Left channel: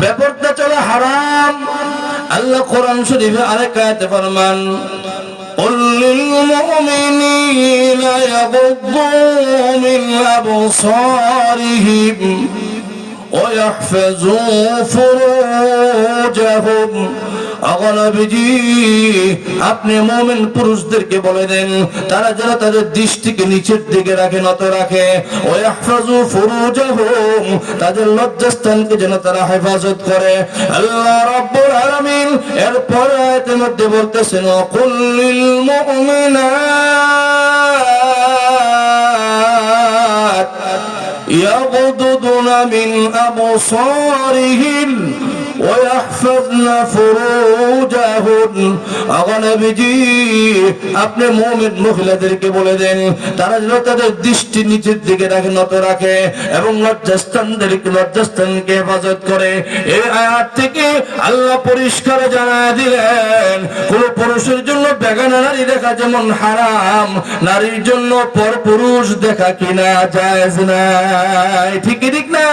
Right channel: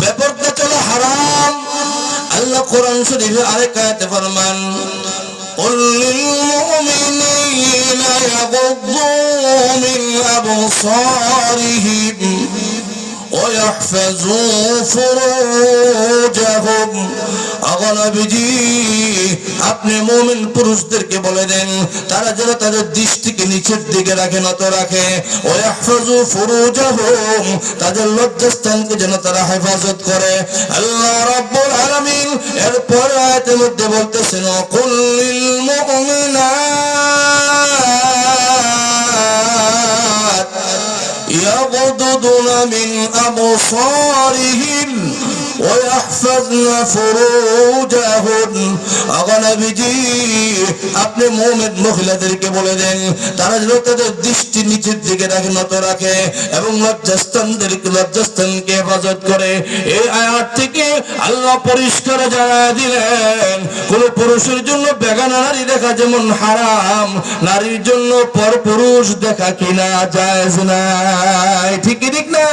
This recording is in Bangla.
বেপরদা চলা হারাম। আল্লাহ কোরআন শরীফে আরেক আয়াতে ফরমান, قل للمؤمنين يغضوا من أبصارهم ويحفظوا فروجهم। নবীজি আপনি মুমিন পুরুষদেরকে বলে দেন তারা যেন তাদের দৃষ্টিকে নিচের দিকে রাখে, নত রাখে। ওয়াহফাজু ফুরুজাহুম, তাদের লজ্জাস্থানকে যেন তারা হেফাজত করে। আল্লাহ রাব্বুল আলামিন এরপর আয়াতের মধ্যে বলতেছেন, কুল লিল মুমিনাত ইয়াগুদুনা মিন আবসারিহিন ويحفظن فروجهن। নবীজি আপনি মুমিন মহিলাদেরকে বলে দেন তারা যেন তাদের দৃষ্টি নিচের দিকে রাখে, নত রাখে এবং লজ্জাস্থানকে হেফাজত করে। এই আয়াত থেকে আল্লাহ পরিষ্কার জানায় দিলেন কোন পুরুষের জন্য বেগানা নারী দেখা যেমন হারাম, নারীর জন্য পরপুরুষ দেখা কিনা জায়েজ নাই। ঠিক ঠিক না?